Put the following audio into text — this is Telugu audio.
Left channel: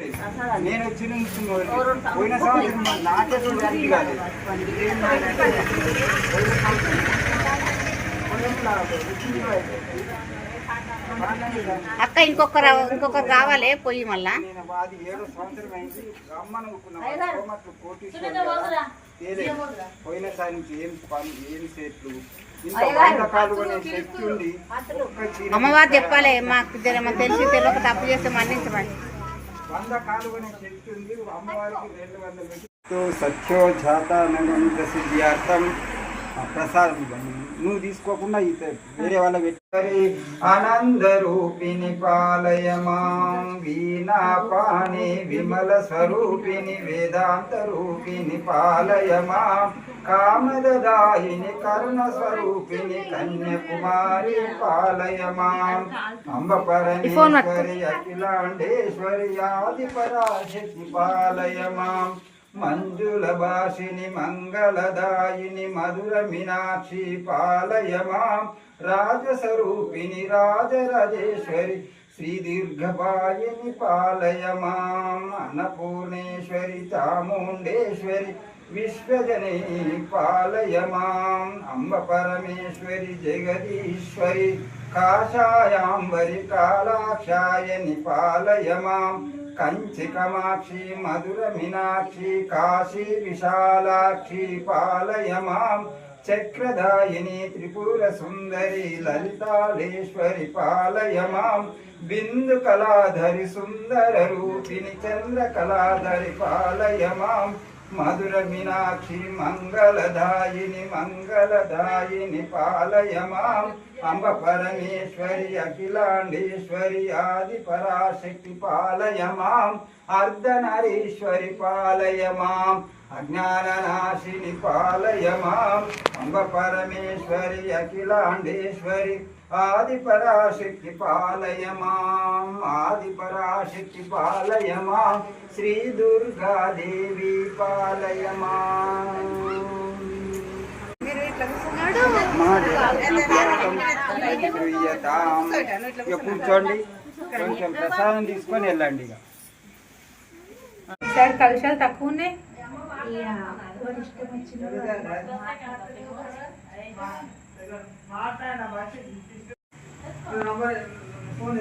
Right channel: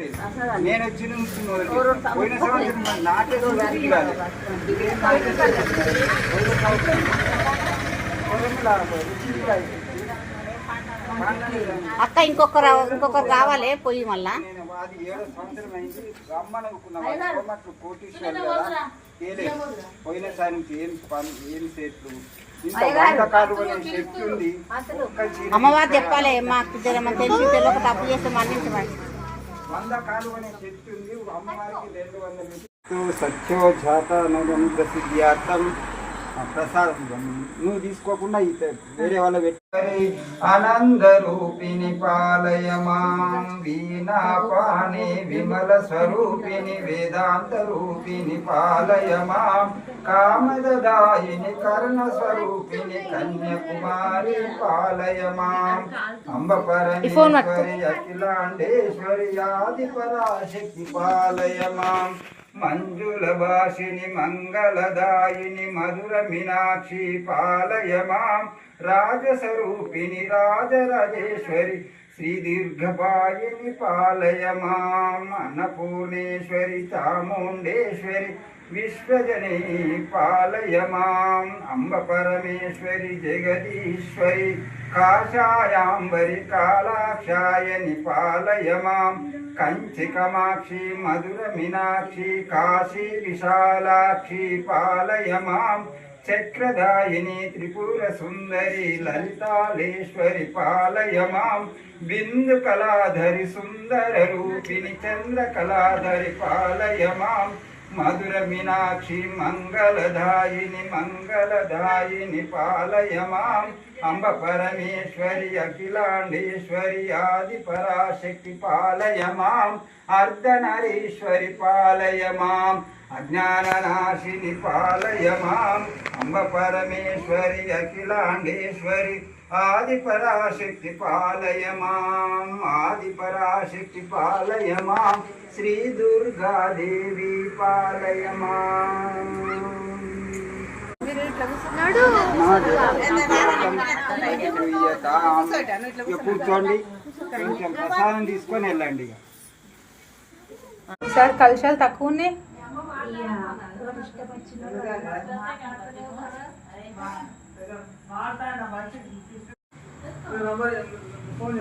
నేను వచ్చిన పోయిన సంవత్సరం నాకే చూడడానికి రాలేదు. అక్క ఇంకొకరు కావాలి పోయి మళ్ళా. అది 7వ సంవత్సరం అయింది. రమ్మనుకున్నాం కోటీశ్వరులు కదా పోయినసారి నుంచి ఏం సెట్లు శక్తి ఉంది. అమ్మవారు చెప్పాలి మాకు తెలిసి తెలియక తప్పు చేస్తే మన్నించమని. 100 కాలువనే శక్తి ఉంది. అమ్మవారికి 200 సత్యోజాత సిద్ధ్యార్థం ప్రసాదం నువ్వు తీసుకోకుండా వేరే వాళ్ళ పెట్టి ఆనంద రూపిణి పాలయ మాం వీణా పాణి విమల స్వరూపిణి వేదాంత రూపిణి పాలయ మాం కామదాయిని కర్ణ స్వరూపిణి కన్యాకుమారి పాలయ మాం అంబ పరమేశ్వరి అఖిలాండేశ్వరి ఆది పరాశక్తి పాలయ మాం మంజుల భాషిని మంగళదాయిని మధుర మీనాక్షి పాలయ మాం రాజస్వరూపిణి రాజరాజేశ్వరి శ్రీ దీర్ఘపాయిని పాలయ మాం అన్నపూర్ణేశ్వరి చాముండేశ్వరి విశ్వజనే పాలయ మాం అంబ పరమేశ్వరి జగదీశ్వరి కాషాయాంబరి కాలాక్షాయని పాలయ మాం కంచి కామాక్షి మధుర మీనాక్షి కాశీ విశాలాక్షి పాలయ మాం చక్రదాయిని త్రిపుర సుందరి లలితాళేశ్వరి పాలయ మాం బిందు కళాధరి సుందర రూపిణి చంద్ర కళాధరి పాలయ మాం మధుర మీనాక్షి మంగళదాయిని పాలయ మాం అంబ పరమేశ్వరి అఖిలాండేశ్వరి ఆది పరాశక్తి పాలయ మాం అర్ధనరీశ్వరి పాలయ మాం అజ్ఞాననాశిని పాలయ మాం అంబ పరమేశ్వరి అఖిలాండేశ్వరి ఆది పరాశక్తి పాలయ మాం ఆది పరాశక్తి పాలయ మాం శ్రీ దుర్గాదేవి పాలయ మాం. కూర్చోండి, కొంచెం ప్రసాదం తీసుకొని వెళ్ళండి. సార్ కలశాలు తక్కువ ఉన్నాయి. ఫోన్